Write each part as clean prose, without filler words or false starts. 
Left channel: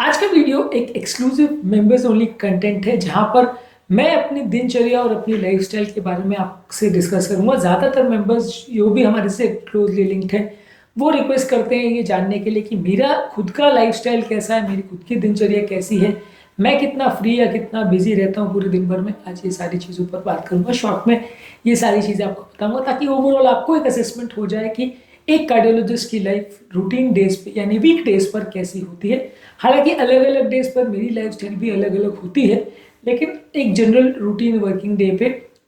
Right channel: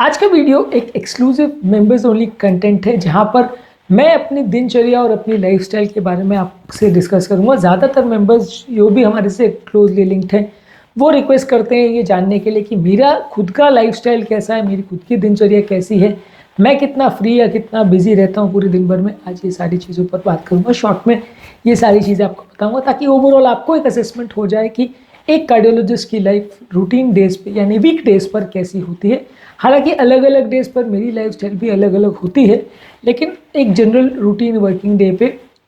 आज का वीडियो एक एक्सक्लूसिव मेंबर्स ओनली कंटेंट है जहां पर मैं अपनी दिनचर्या और अपनी लाइफस्टाइल के बारे में आपसे डिस्कस करूंगा। ज़्यादातर मेंबर्स जो भी हमारे से क्लोजली लिंक्ड हैं वो रिक्वेस्ट करते हैं ये जानने के लिए कि मेरा खुद का लाइफस्टाइल कैसा है, मेरी खुद की दिनचर्या कैसी है, मैं कितना फ्री या कितना बिजी रहता हूँ पूरे दिन भर में। आज ये सारी चीज़ों पर बात करूँगा, शॉर्ट में ये सारी चीज़ें आपको बताऊँगा ताकि ओवरऑल आपको एक असेसमेंट हो जाए कि एक कार्डियोलॉजिस्ट की लाइफ रूटीन डेज पे यानी वीक डेज पर कैसी होती है। हालांकि अलग अलग डेज पर मेरी लाइफस्टाइल भी अलग अलग होती है, लेकिन एक जनरल रूटीन वर्किंग डे पे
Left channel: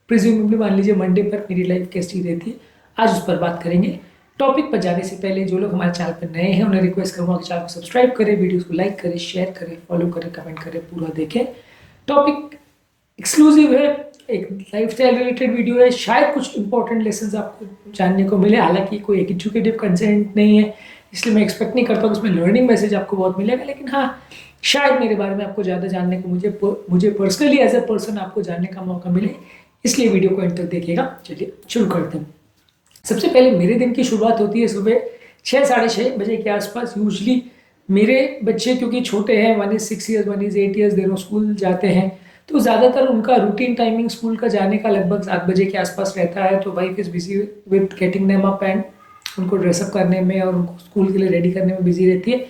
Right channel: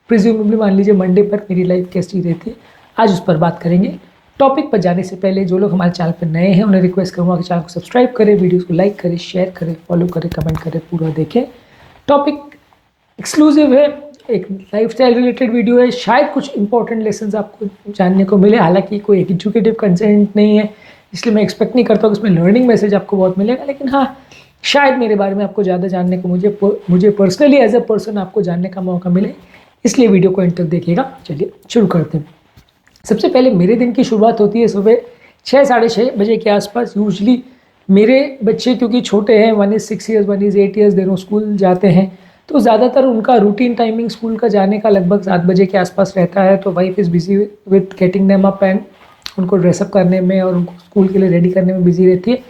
प्रिज्यूमेबली मान लीजिए मंडे पर मेरी लाइफ कैसी रहती है, आज उस पर बात करेंगे। टॉपिक पर जाने से पहले जो लोग हमारे चैनल पर नए हैं उन्हें रिक्वेस्ट करूँगा कि चैनल को सब्सक्राइब करें, वीडियोज़ को लाइक करें, शेयर करें, फॉलो करें, कमेंट करें, पूरा देखें। टॉपिक एक्सक्लूसिव है, एक लाइफस्टाइल रिलेटेड वीडियो है, शायद कुछ इंपॉर्टेंट लेसन्स आपको जानने को मिले। हालांकि कोई एजुकेटिव कंटेंट नहीं है, इसलिए मैं एक्सपेक्ट नहीं करता हूँ कि इसमें लर्निंग मैसेज आपको बहुत मिलेगा, लेकिन हाँ शायद मेरे बारे में आपको ज़्यादा जानने को मुझे पर्सनली एज ए पर्सन आपको जानने का मौका मिले, इसलिए वीडियो को एंड तक देखिएगा। चलिए शुरू करते हैं। सबसे पहले मेरे दिन की शुरुआत होती है सुबह 6 साढ़े 6 बजे के आसपास। यूजली मेरे बच्चे क्योंकि छोटे हैं, 1 is 6 years 1 is 8 years, दोनों स्कूल जाते हैं, तो ज़्यादातर उनका रूटीन टाइमिंग स्कूल का जाने का लगभग 7 बजे के आसपास रहता है। तो wife is busy with getting them up and उनको ड्रेसअप करने में और उनको स्कूल के लिए रेडी करने में बिजी रहती है।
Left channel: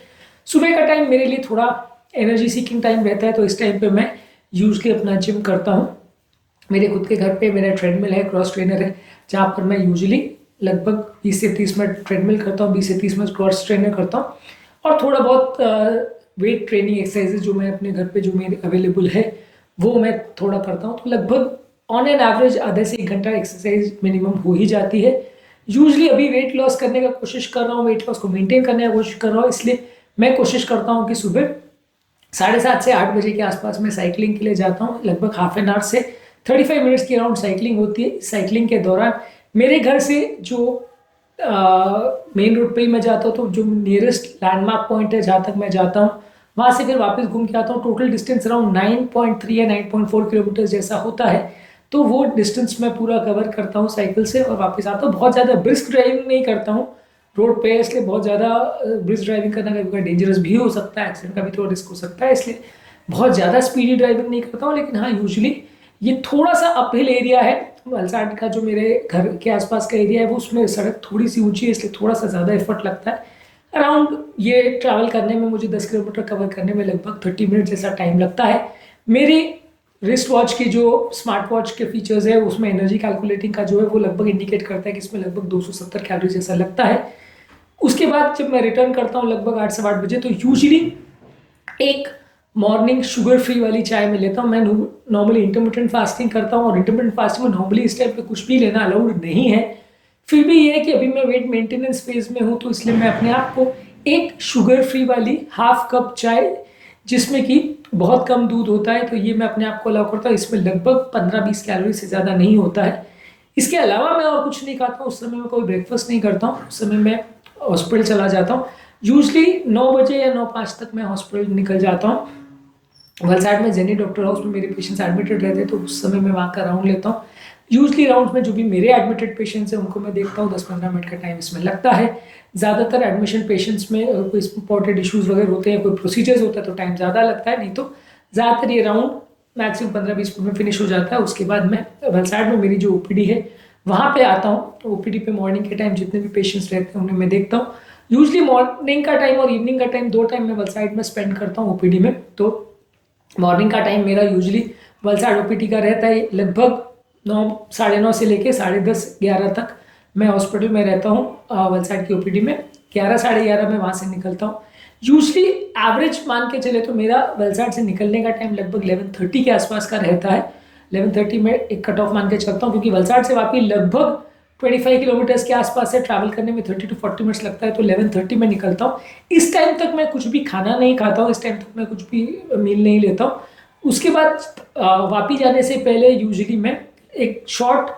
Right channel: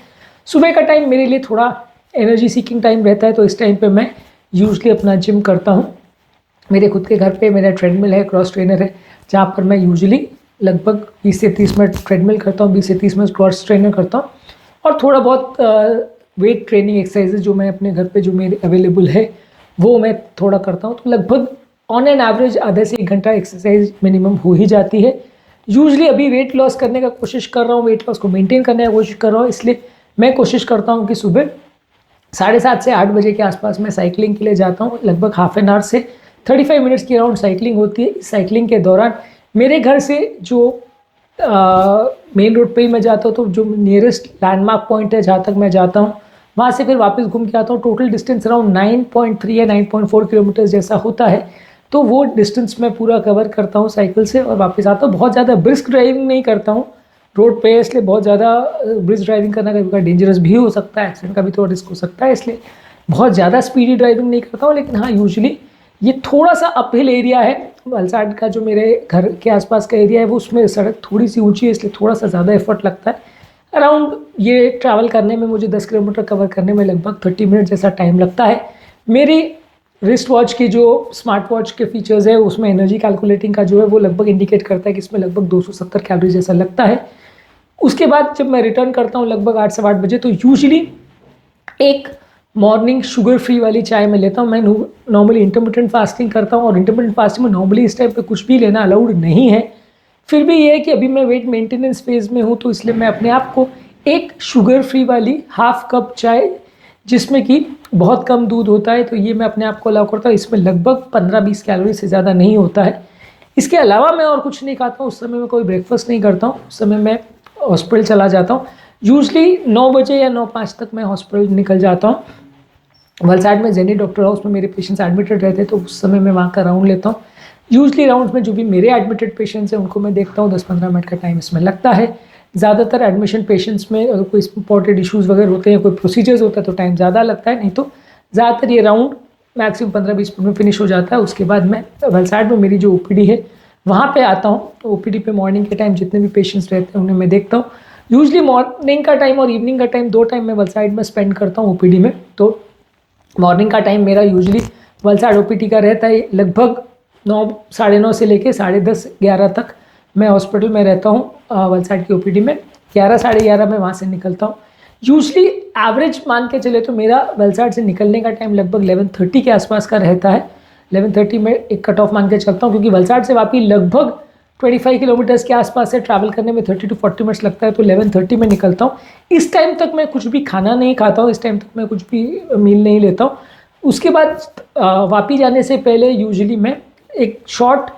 सुबह का टाइम मेरे लिए थोड़ा एनर्जी सीकिंग टाइम रहता है, तो इस टाइम पे मैं यूजली अपना जिम करता हूँ। मेरे खुद के घर पे मेरा ट्रेडमिल है, क्रॉस ट्रेनर है, जहाँ पर मैं यूजली लगभग 20 से 30 मिनट ट्रेडमिल करता हूँ, 20 से 30 मिनट क्रॉस ट्रेनर करता हूँ, और थोड़ा बहुत वेट ट्रेनिंग एक्सरसाइजेज जो मैं अपने घर पे जो मेरे अवेलेबल है वो मैं थोड़ा करता हूँ। तो लगभग ऑन एन एवरेज आधा से 1 घंटा एक्सरसाइज मिनिमम हो ही जाती है। यूजली अभी वेट लॉस करने का कोशिश कर रहा हूँ, वेट लॉस को मेंटेन करने का कोशिश कर रहा हूँ, इसलिए मैं कोशिश करता हूँ कि सुबह 7:30 से 8 बजे के आसपास मैं साइकिलिंग के लिए जाता हूँ। लगभग हाफ एन आवर से 35 मिनट्स की अराउंड साइकिलिंग होती है। साइकिलिंग के दौरान मेरे घर से जो मेन रोड पे ही मैं जाता हूँ, तो जो नियरेस्ट लैंडमार्क पॉइंट है जहाँ तक मैं जाता हूँ वहाँ से फिर वापस घूम के आता हूँ। टोटल डिस्टेंस अराउंड 9.3 या 9.4 किलोमीटर जैसा होता है, तो वो डिस्टेंस मैं पूरा कवर करता हूँ साइकिल से और वापस आता हूँ। बहुत ज़्यादा ब्रिस्क ड्राइविंग नहीं करता हूँ रोड पे, इसलिए बहुत ज़्यादा ब्रिस्क ड्राइविंग करना कभी कभी डेंजरस भी हो सकता है, एक्सीडेंट का भी थोड़ा रिस्क हो सकता है, इसलिए बहुत ज़्यादा स्पीडी ड्राइविंग नहीं करता हूँ। लेकिन हाँ यूजुअली ये थोड़ा सा अपहिल एरिया है, वलसाड का जो मेरे घर के आसपास का एरिया है वो, उसमें सड़क थोड़ी सी ऊंची है, इसलिए थोड़ा सा ज़्यादा एफर्ट लगता है। अराउंड ये ट्रैवल करने में मुझे 10 किलोमीटर कवर करने में लगभग 30 मिनट जैसा टाइम लगता है। मेरी रिस्ट वॉच के जो स्मार्ट वॉच के फीचर्स है उसमें एनर्जी कैलकुलेटिंग का जो है वो लगभग इंडिकेट करता है कि इसमें लगभग 270 कैलोरी जैसा लगता है। उसके बाद जब मैं रिटर्न करता हूँ लगभग 8 से 8 बजे, तो यूजली एक मॉर्निंग शुगर फ्री वाली चाय मैं लेता हूँ। मैं नॉर्मली इंटरमिटेंट फास्टिंग करता हूँ और इंटरमिटेंट फास्टिंग में नॉर्मली इस टाइप पे कुछ भी लेना अलाउड नहीं है। फिर भी ये है कि अभी मैं वेट मेंटेनेंस फेज में हूँ, तो इसलिए मैं अपने आप को एक शुगर फ्री वाली हाफ कप चाय जिसमें कि बहुत कम दूध होता है, तो ये मैं अपने आप को अलाउ करता हूँ। इसमें लगभग 15-20 कैलोरी से ज़्यादा नहीं होता है। इसके अलावा मैं और कुछ नहीं खाता हूँ। उस समय मैं कोई ब्रेकफास्ट नहीं करता हूँ, उस समय मैं हॉस्पिटल चला जाता हूँ। यूजली 9 बजे या 9:05 तक मैं हॉस्पिटल निकल जाता हूँ। वलसाड में जेनी डॉक्टर हाउस में मेरे पेशेंट्स एडमिटेड रहते हैं, तो उस समय मैं वहाँ का राउंड लेता हूँ। यूजली राउंड में जो भी मेरे एडमिटेड पेशेंट्स हैं उनको मैं देखता हूँ, 10-15 मिनट का टाइम इसमें लगता है। ज़्यादातर एडमिशन पेशेंट्स में कोई इंपॉर्टेंट इशूज़ वगैरह होते हैं, कोई प्रोसीजर्स होता है तो टाइम ज़्यादा लगता है, नहीं तो ज़्यादातर ये राउंड मैक्सिमम 15-20 मिनट में फिनिश हो जाता है। उसके बाद मैं वलसाड में मेरी जो ओपीडी है वहाँ पे आता हूँ। तो ओपीडी पे मॉर्निंग के टाइम जितने भी पेशेंट्स रहते हैं उन्हें मैं देखता हूँ। यूजली मॉर्निंग का टाइम और इवनिंग का टाइम, 2 टाइम मैं वलसाड में स्पेंड करता हूँ ओपीडी में। तो मॉर्निंग का टाइम मेरा यूजली वलसाड ओपीडी का रहता है लगभग 9 साढ़े 9 से लेके 10:30-11 तक मैं हॉस्पिटल में रहता हूँ वलसाड की ओपीडी में। 11 साढ़े 11 में वहाँ से निकलता हूँ। यूजली एवरेज मान के चले तो मेरा वलसाड से निकलने का टाइम लगभग 11:30 के आसपास का रहता है। 11:30 में एक कट ऑफ मान के चलता हूँ, क्योंकि वलसाड से वापस लगभग 25 किलोमीटर्स के आसपास से ट्रैवल करने में 30 to 40 मिनट्स लगता है, तो 11:30 में निकलता हूँ। इस टाइम तक मैं कुछ भी खाना नहीं खाता हूँ, इस टाइम तक मैं कुछ भी मील नहीं लेता हूँ। उसके बाद वापस जाने से पहले यूजुअली मैं एक शॉर्ट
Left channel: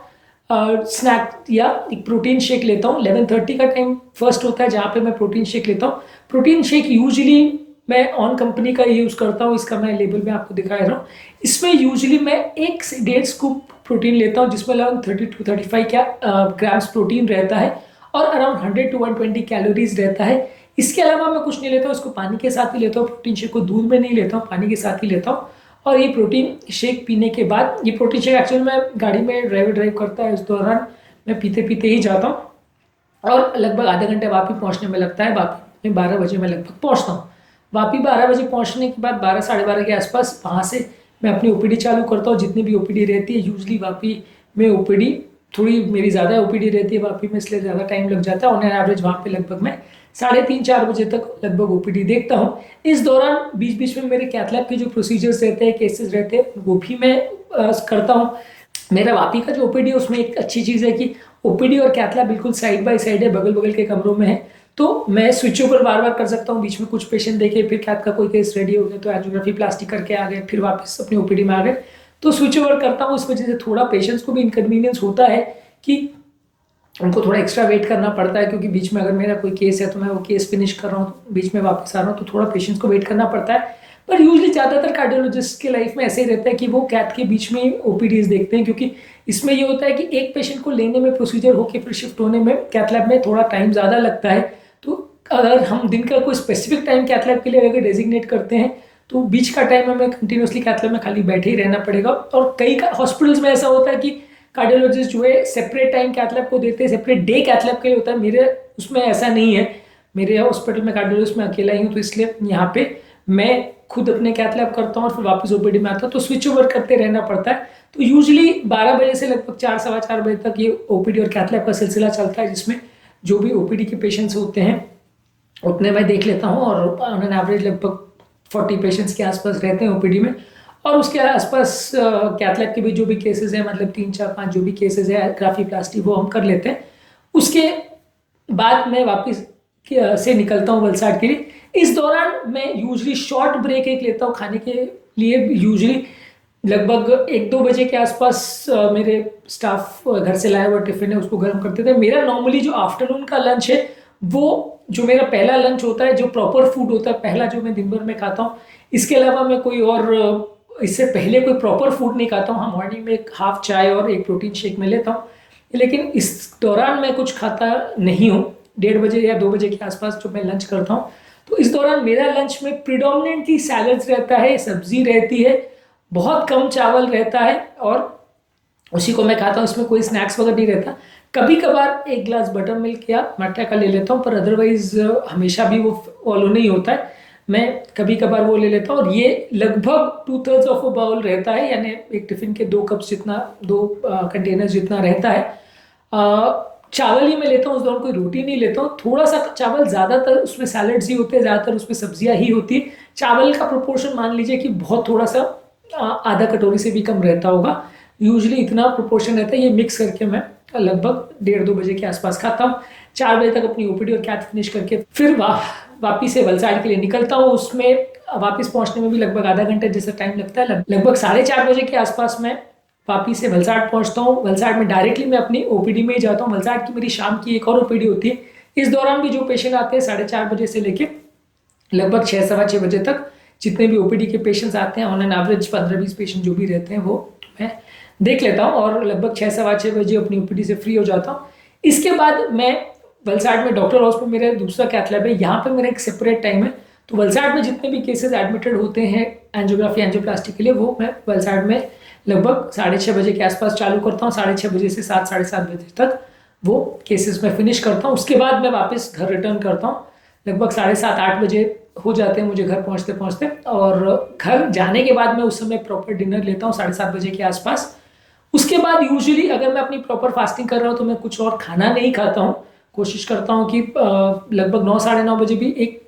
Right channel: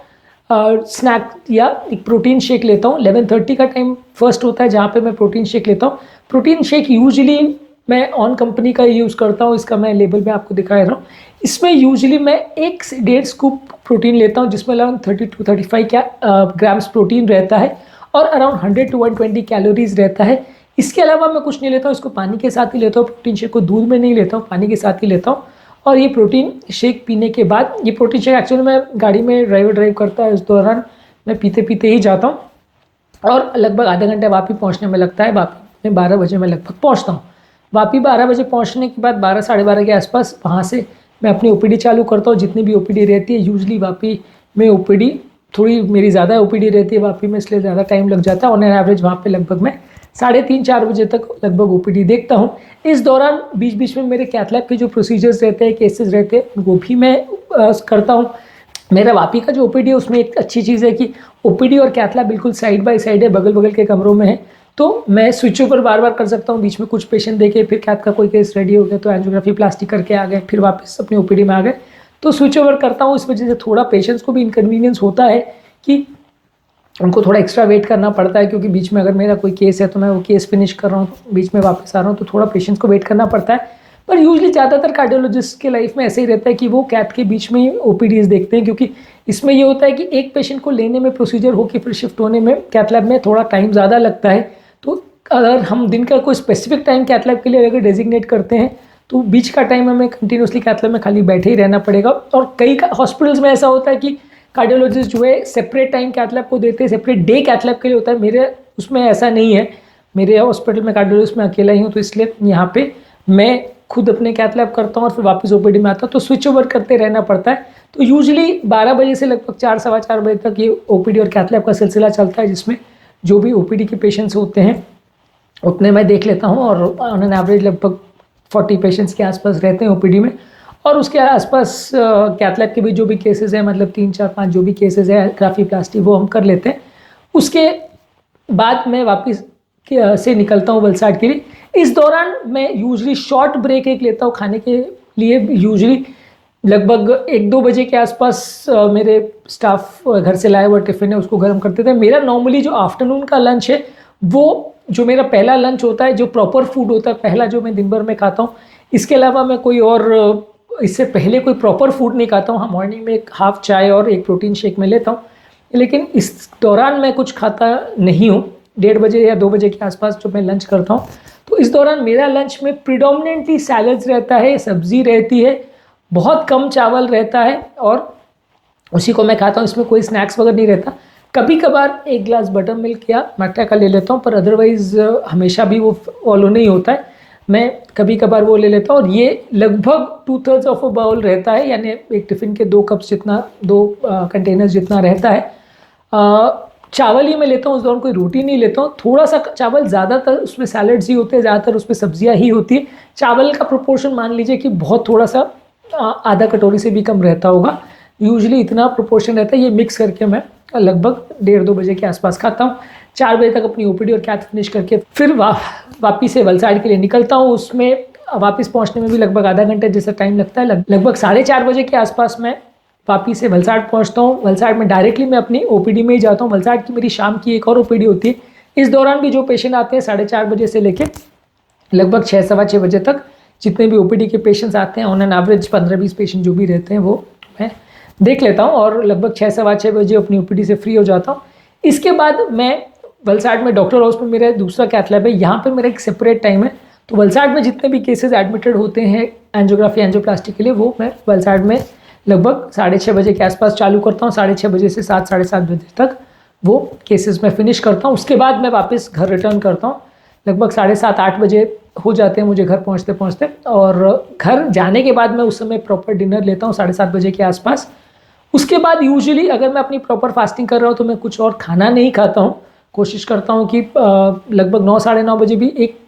स्नैक या एक प्रोटीन शेक लेता हूँ। 11:30 का टाइम फर्स्ट होता है जहाँ पे मैं प्रोटीन शेक लेता हूँ। प्रोटीन शेक यूजुअली मैं ऑन कंपनी का यूज़ करता हूँ, इसका मैं लेबल में आपको दिखा रहा हूँ। इसमें यूजुअली मैं 1 से 1.5 स्कूप प्रोटीन लेता हूँ, जिसमें लगभग 30 to 35 ग्राम्स प्रोटीन रहता है और अराउंड 100 to 120 कैलोरीज रहता है। इसके अलावा मैं कुछ नहीं लेता हूँ, इसको पानी के साथ ही लेता हूँ। प्रोटीन शेक को दूध में नहीं लेता हूँ, पानी के साथ ही लेता हूँ। और ये प्रोटीन शेक पीने के बाद, ये प्रोटीन शेक एक्चुअली मैं गाड़ी में ड्राइव करता है, इस दौरान मैं पीते पीते ही जाता हूँ और लगभग आधा घंटा वापी पहुँचने में लगता है। वापी में 12 बजे मैं लगभग पहुँचता हूँ। वापी 12 बजे पहुँचने के बाद 12 साढ़े 12 के आसपास वहाँ से मैं अपनी ओपीडी चालू करता हूँ। जितनी भी ओपीडी रहती है, यूजली वापी में ओपीडी थोड़ी मेरी ज़्यादा ओपीडी रहती है वापी में, इसलिए ज़्यादा टाइम लग जाता है। ऑन एन एवरेज वहाँ पे लगभग मैं 3:30-4 बजे तक लगभग ओपीडी देखता हूँ। इस दौरान बीच बीच में मेरे कैथ लैब के जो प्रोसीजर्स रहते हैं, केसेस रहते हैं, वो भी मैं करता हूँ। मेरा वापी का जो ओपीडी है उसमें एक अच्छी चीज़ है कि ओपीडी और कैथ लैब बिल्कुल साइड बाय साइड है, बगल बगल के कमरों में है, तो मैं स्विच ओवर बार बार कर सकता हूँ। बीच में कुछ पेशेंट देखे, फिर कैथ का कोई केस रेडी हो गया तो एंजियोग्राफी प्लास्टिक करके आ गए, फिर वापस अपनी ओपीडी में आ गए, तो स्विच ओवर करता हूँ। इस वजह से थोड़ा पेशेंट्स को भी इनकन्वीनियंस होता है कि उनको थोड़ा एक्स्ट्रा वेट करना पड़ता है, क्योंकि बीच में अगर मेरा कोई केस है तो मैं वो केस फिनिश कर रहा हूँ, बीच में वापस आ रहा हूँ, तो थोड़ा पेशेंट्स को वेट करना पड़ता है। पर यूजली ज़्यादातर कार्डियोलॉजिस्ट के लाइफ में ऐसे ही रहता है कि वो कैथ के बीच में ओपीडीज देखते हैं, क्योंकि इसमें ये होता है कि एक पेशेंट को लेने में, प्रोसीजर हो के फिर शिफ्ट होने में कैथ लैब में थोड़ा टाइम ज़्यादा लगता है। तो अगर हम दिन का कोई स्पेसिफिक टाइम कैथ लैब के लिए अगर डेजिग्नेट करते हैं तो बीच का टाइम हमें कंटिन्यूसली कैथ लैब में खाली बैठे ही रहना पड़ेगा। और कई हॉस्पिटल्स में ऐसा होता है कि कार्डियोलॉजिस्ट जो है सेपरेट टाइम कैथ लैब को देते हैं, सेपरेट डे कैथ लैब के लिए होता है। मेरे उसमें ऐसा नहीं है, मेरे हॉस्पिटल में कार्डियोलॉजिस्ट में अकेला ही हूँ, तो इसलिए यहाँ पे मैं खुद अपने कैथ लैब करता हूँ और फिर वापस ओपीडी में आता हूँ, तो स्विच ओवर करते रहना पड़ता है। तो यूजली 12 बजे से लगभग 4 सवा 4 बजे तक ये ओपीडी और कैथ लैब का सिलसिला चलता है, जिसमें जो भी ओपीडी के पेशेंट्स होते हैं उतने मैं देख लेता हूँ। और ऑन एन एवरेज लगभग 40 पेशेंट्स के आसपास रहते हैं ओपीडी में। और उसके आसपास कैथ लैब के भी जो भी केसेस हैं, मतलब 3 4 5 जो भी केसेस है ग्राफी प्लास्टी, वो हम कर लेते हैं। उसके बाद मैं वापस से निकलता हूँ वलसाड के लिए। इस दौरान मैं यूजली शॉर्ट ब्रेक एक लेता हूँ खाने के लिए। यूजली लगभग 1-2 बजे के आसपास मेरे स्टाफ घर से लाया हुआ टिफ़िन है उसको गर्म करते थे। मेरा नॉर्मली जो आफ्टरनून का लंच है, वो जो मेरा पहला लंच होता है, जो प्रॉपर फूड होता है पहला, जो मैं दिन भर में खाता हूँ, इसके अलावा मैं कोई और इससे पहले कोई प्रॉपर फूड नहीं खाता हूँ। हाँ, मॉर्निंग में एक हाफ चाय और एक प्रोटीन शेक में लेता हूँ, लेकिन इस दौरान मैं कुछ खाता नहीं हूँ। 1:30 बजे या 2 बजे के आसपास जो मैं लंच करता हूँ, तो इस दौरान मेरा लंच में प्रिडोमिनेंटली सैलड्स रहता है, सब्जी रहती है, बहुत कम चावल रहता है और उसी को मैं खाता हूँ। इसमें कोई स्नैक्स वगैरह नहीं रहता। कभी कभार एक ग्लास बटर मिल्क या मट्ठा का ले लेता हूँ, पर अदरवाइज हमेशा भी वो फॉलो नहीं होता है। मैं कभी कभार वो ले लेता हूँ और ये लगभग 2/3 ऑफ अ बाउल रहता है, यानी एक टिफ़िन के 2 कप्स जितना, 2 कंटेनर्स जितना रहता है। चावल ही मैं लेता हूँ, उस दौरान कोई रोटी नहीं लेता हूँ। थोड़ा सा चावल, ज़्यादातर उसमें सैलड्स ही होते हैं, ज़्यादातर उसमें सब्जियाँ ही होती है। चावल का प्रोपोर्शन मान लीजिए कि बहुत थोड़ा सा आधा कटोरी से भी कम रहता होगा, यूजली इतना प्रोपोर्शन रहता है। ये मिक्स करके मैं लगभग 1:30-2 बजे के आसपास खाता हूँ। 4 बजे तक अपनी ओपीडी और कैथ फिनिश करके फिर वापिस से वलसाड के लिए निकलता हूँ। उसमें वापस पहुँचने में भी लगभग आधा घंटे जैसा टाइम लगता है। लगभग 4:30 बजे के आसपास मैं वापिस से वलसाड पहुँचता हूँ। वलसाड में डायरेक्टली मैं अपनी ओपीडी में ही जाता हूँ। वलसाड की मेरी शाम की एक और ओपीडी होती है। इस दौरान भी जो पेशेंट आते हैं 4:30 बजे से लेके लगभग 6 सवा 6 बजे तक, जितने भी ओपीडी के पेशेंट्स आते हैं, ऑन एन एवरेज 15-20 पेशेंट जो भी रहते हैं, वो मैं देख लेता हूँ और लगभग 6 सवा 6 बजे अपनी ओपीडी से फ्री हो जाता हूँ। इसके बाद मैं वलसाड में डॉक्टर हाउस में मेरा दूसरा कैथ लैब है, यहाँ पे मेरा एक सेपरेट टाइम है। तो वलसाड में जितने भी केसेस एडमिटेड होते हैं एंजियोग्राफी एंजियोप्लास्टी के लिए, वो मैं वलसाड में लगभग 6:30 बजे के आसपास चालू करता हूँ। 6:30 बजे से 7 साढ़े 7 बजे तक वो केसेस मैं फिनिश करता हूँ। उसके बाद मैं वापस घर रिटर्न करता हूँ। लगभग 7:30-8 बजे हो जाते हैं मुझे घर पहुँचते पहुँचते, और घर जाने के बाद मैं उस समय प्रॉपर डिनर लेता हूँ 7:30 बजे के आसपास। उसके बाद यूजुअली अगर मैं अपनी प्रॉपर फास्टिंग कर रहा हूँ तो मैं कुछ और खाना नहीं खाता हूँ। कोशिश करता हूँ कि लगभग 9 साढ़े 9 बजे भी एक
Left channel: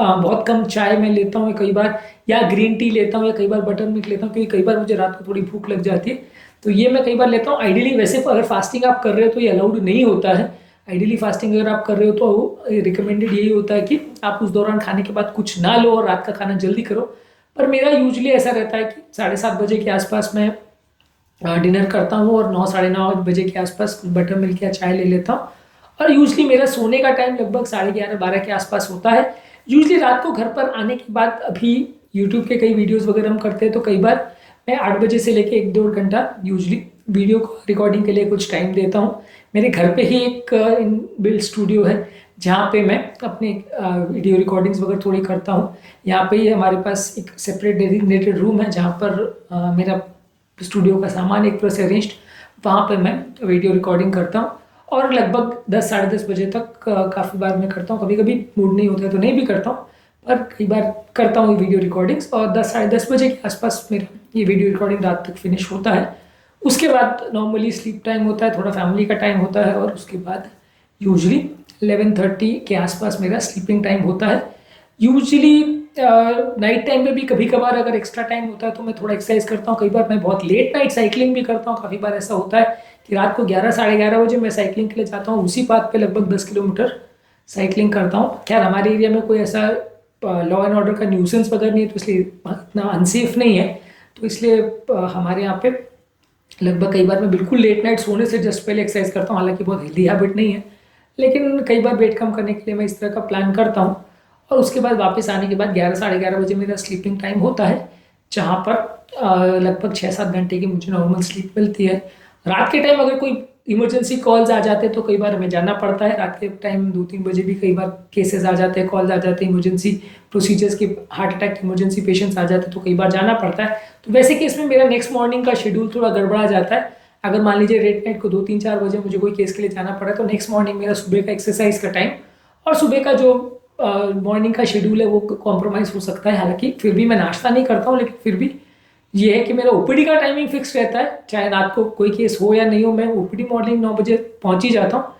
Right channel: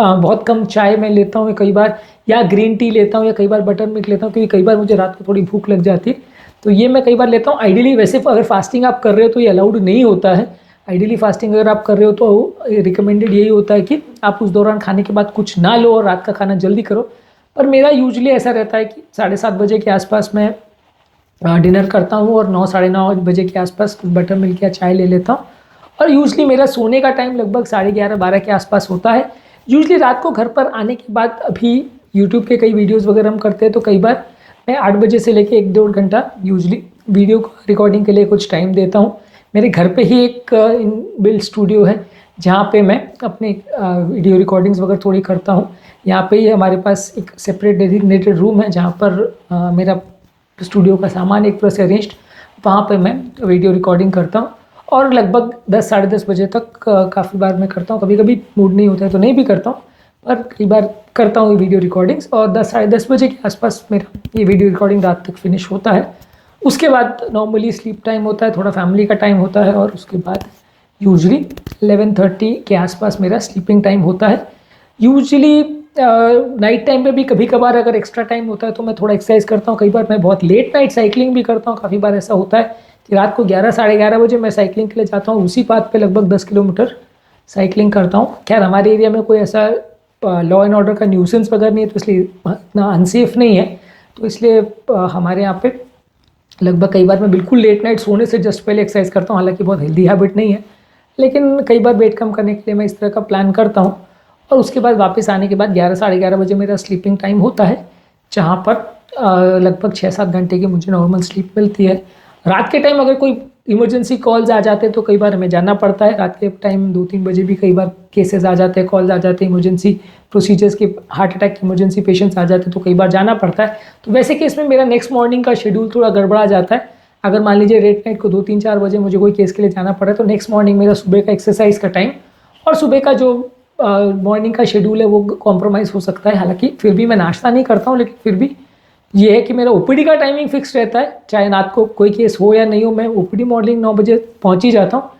बहुत कम चाय मैं लेता हूँ कई बार, या ग्रीन टी लेता हूँ, या कई बार बटर मिल्क लेता हूँ, क्योंकि कई बार मुझे रात को थोड़ी भूख लग जाती है, तो ये मैं कई बार लेता हूँ। आइडियली वैसे अगर फास्टिंग आप कर रहे हो तो ये अलाउड नहीं होता है। आइडियली फास्टिंग अगर आप कर रहे हो तो रिकमेंडेड यही होता है कि आप उस दौरान खाने के बाद कुछ ना लो और रात का खाना जल्दी करो। पर मेरा यूजुअली ऐसा रहता है कि 7:30 बजे के आसपास मैं डिनर करता हूँ और 9 साढ़े 9 बजे के आसपास बटर मिल्क या चाय ले लेता हूँ। और यूजली मेरा सोने का टाइम लगभग 11:30-12 के आसपास होता है। यूजली रात को घर पर आने के बाद, अभी यूट्यूब के कई वीडियोस वगैरह हम करते हैं, तो कई बार मैं 8 बजे से लेके 1-1.5 घंटा यूजली वीडियो रिकॉर्डिंग के लिए कुछ टाइम देता हूँ। मेरे घर पे ही एक बिल्ड स्टूडियो है जहाँ पे मैं अपने वीडियो रिकॉर्डिंग्स वगैरह थोड़ी करता हूँ। यहाँ पे ही हमारे पास एक सेपरेट डेडिकेटेड रूम है जहाँ पर मेरा स्टूडियो का सामान एक प्लस अरेंज्ड, वहाँ पे मैं वीडियो रिकॉर्डिंग करता हूँ और लगभग 10 साढ़े 10 बजे तक काफ़ी बार मैं करता हूँ। कभी कभी मूड नहीं होता है तो नहीं भी करता हूँ, पर कई बार करता हूँ वीडियो रिकॉर्डिंग्स। और 10 साढ़े 10 बजे के आसपास मेरा ये वीडियो रिकॉर्डिंग रात तक फिनिश होता है। उसके बाद नॉर्मली स्लीप टाइम होता है, थोड़ा फैमिली का टाइम होता है और उसके बाद यूजली 11:30 के आसपास मेरा स्लीपिंग टाइम होता है। यूजली नाइट टाइम में भी कभी कभार अगर एक्स्ट्रा टाइम होता है तो मैं थोड़ा एक्सरसाइज करता हूँ। कई बार मैं बहुत लेट नाइट साइकिलिंग भी करता हूँ। काफ़ी बार ऐसा होता है कि रात को 11 साढ़े 11 बजे मैं साइकिलिंग के लिए जाता हूँ, उसी पाथ पे लगभग 10 किलोमीटर साइकिलिंग करता हूँ। खैर हमारे एरिया में कोई ऐसा लॉ एंड ऑर्डर का न्यूसेंस वगैरह नहीं है, तो इसलिए इतना अनसेफ नहीं है। तो इसलिए हमारे यहाँ पे लगभग कई बार मैं बिल्कुल लेट नाइट सोने से जस्ट पहले एक्सरसाइज करता हूँ। हालांकि बहुत हेल्दी हैबिट नहीं है, लेकिन कई बार वेट कम करने के लिए मैं इस तरह का प्लान करता हूँ। और उसके बाद वापस आने के बाद 11 साढ़े 11 बजे मेरा स्लीपिंग टाइम होता है, जहाँ पर लगभग 6-7 घंटे की मुझे नॉर्मल स्लीप मिलती है। रात के टाइम अगर कोई इमरजेंसी कॉल्स आ जाते हैं तो कई बार हमें जाना पड़ता है। रात के टाइम 2-3 बजे भी कई बार केसेस आ जाते हैं, कॉल्स आ जाते हैं, इमरजेंसी प्रोसीजर्स के, हार्ट अटैक के इमरजेंसी पेशेंट्स आ जाते हैं, तो कई बार जाना पड़ता है। तो वैसे केस में मेरा नेक्स्ट मॉर्निंग का शेड्यूल थोड़ा गड़बड़ा जाता है। अगर मान लीजिए लेट नाइट को 2-3-4 बजे मुझे कोई केस के लिए जाना पड़ा तो नेक्स्ट मॉर्निंग मेरा सुबह का एक्सरसाइज का टाइम और सुबह का जो मॉर्निंग का शेड्यूल है वो कॉम्प्रोमाइज़ हो सकता है। हालांकि फिर भी मैं नाश्ता नहीं करता हूँ, लेकिन फिर भी ये है कि मेरा ओपीडी का टाइमिंग फिक्स रहता है। चाहे रात को कोई केस हो या नहीं हो, मैं ओपीडी मॉर्निंग 9 बजे पहुँच ही जाता हूँ।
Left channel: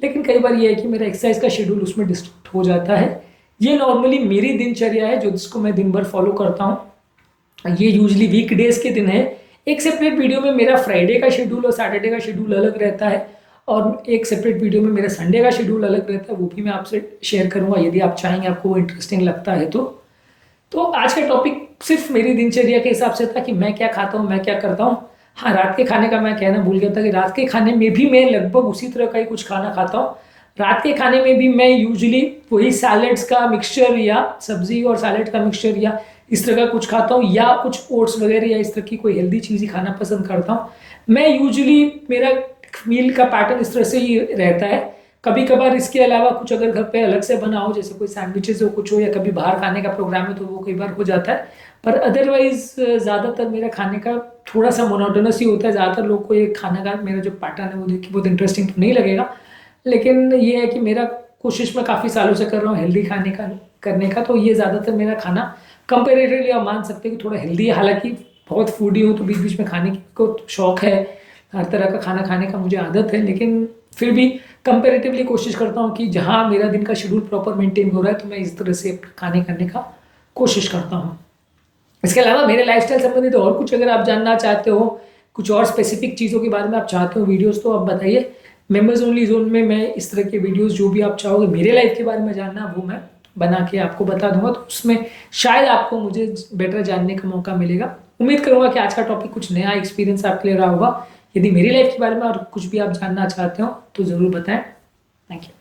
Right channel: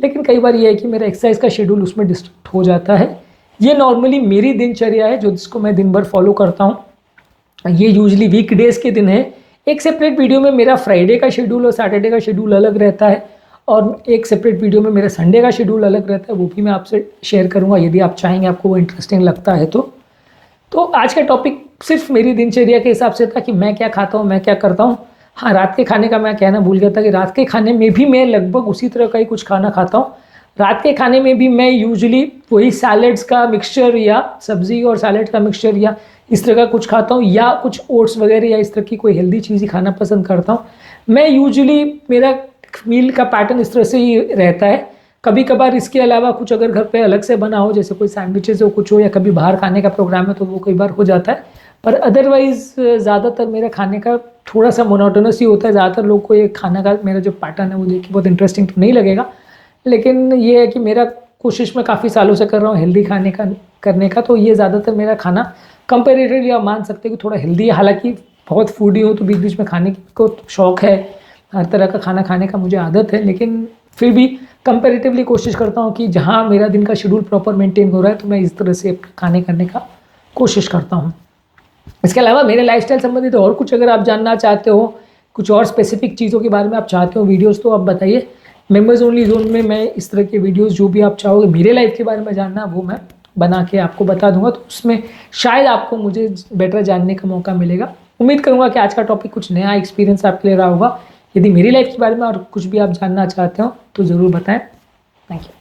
लेकिन कई बार ये है कि मेरा एक्सरसाइज का शेड्यूल उसमें डिस्टर्ब हो जाता है। ये नॉर्मली मेरी दिनचर्या है जो जिसको मैं दिन भर फॉलो करता हूँ। ये यूजली वीकडेज के दिन है। एक सेपरेट वीडियो में मेरा फ्राइडे का शेड्यूल और सैटरडे का शेड्यूल अलग रहता है, और एक सेपरेट वीडियो में मेरा संडे का शेड्यूल अलग रहता है, वो भी मैं आपसे शेयर करूँगा यदि आप चाहेंगे, आपको वो इंटरेस्टिंग लगता है तो आज का टॉपिक सिर्फ मेरी दिनचर्या के हिसाब से था कि मैं क्या खाता हूँ, मैं क्या करता हूँ। हाँ, रात के खाने का मैं कहना भूल गया था कि रात के खाने में भी मैं लगभग उसी तरह का ही कुछ खाना खाता हूँ। रात के खाने में भी मैं यूजुअली वही सैलड्स का मिक्सचर या सब्जी और सैलड का मिक्सचर या इस तरह का कुछ खाता हूँ, या कुछ ओट्स वगैरह या इस तरह की कोई हेल्दी चीज़ ही खाना पसंद करता हूँ। मैं यूजुअली मेरा मील का पैटर्न इस तरह से ही रहता है। कभी कभार इसके अलावा कुछ अगर घर पे अलग से बना हो, जैसे कोई सैंडविचेस हो कुछ हो, या कभी बाहर खाने का प्रोग्राम है तो वो कई बार हो जाता है। पर अदरवाइज ज़्यादातर मेरा खाने का थोड़ा सा मोनोटोनस ही होता है। ज़्यादातर लोग को ये खाने का मेरा जो पैटर्न है वो देख के बहुत इंटरेस्टिंग तो नहीं लगेगा, लेकिन ये है कि मेरा कोशिश मैं काफ़ी सालों से कर रहा हूँ हेल्दी खाने का करने का। तो ये ज़्यादातर मेरा खाना कंपेरेटिवली आप मान सकते हैं कि थोड़ा हेल्दी है। हालांकि बहुत फूडी हूँ तो बीच बीच में खाने को शौक है, हर तरह का खाना खाने का मुझे आदत है, लेकिन फिर भी कंपेरेटिवली कोशिश करता हूँ कि जहाँ मेरा दिन का शेड्यूल प्रॉपर मेंटेन हो रहा है तो मैं इस तरह से खाने करने का कोशिश करता हूँ। इसके अलावा मेरे लाइफस्टाइल संबंधित और कुछ अगर आप जानना चाहते हो, कुछ और स्पेसिफिक चीज़ों के बारे में आप चाहते हो वीडियोस, तो आप बताइए। मेंबर्स ओनली जोन में मैं इस तरह के वीडियोस जो भी आप चाहोगे मेरे लाइफ के बारे में जानना, वो मैं बना के आपको बता दूंगा, तो उसमें शायद आपको मुझे बेटर जानने का मौका मिलेगा। उम्मीद करूँगा कि आज का टॉपिक कुछ नया एक्सपीरियंस आपके लिए रहा होगा। यदि मेरी लाइफ के बारे में और कुछ भी आप जानना चाहते हो तो ज़रूर बताएं। Thank you.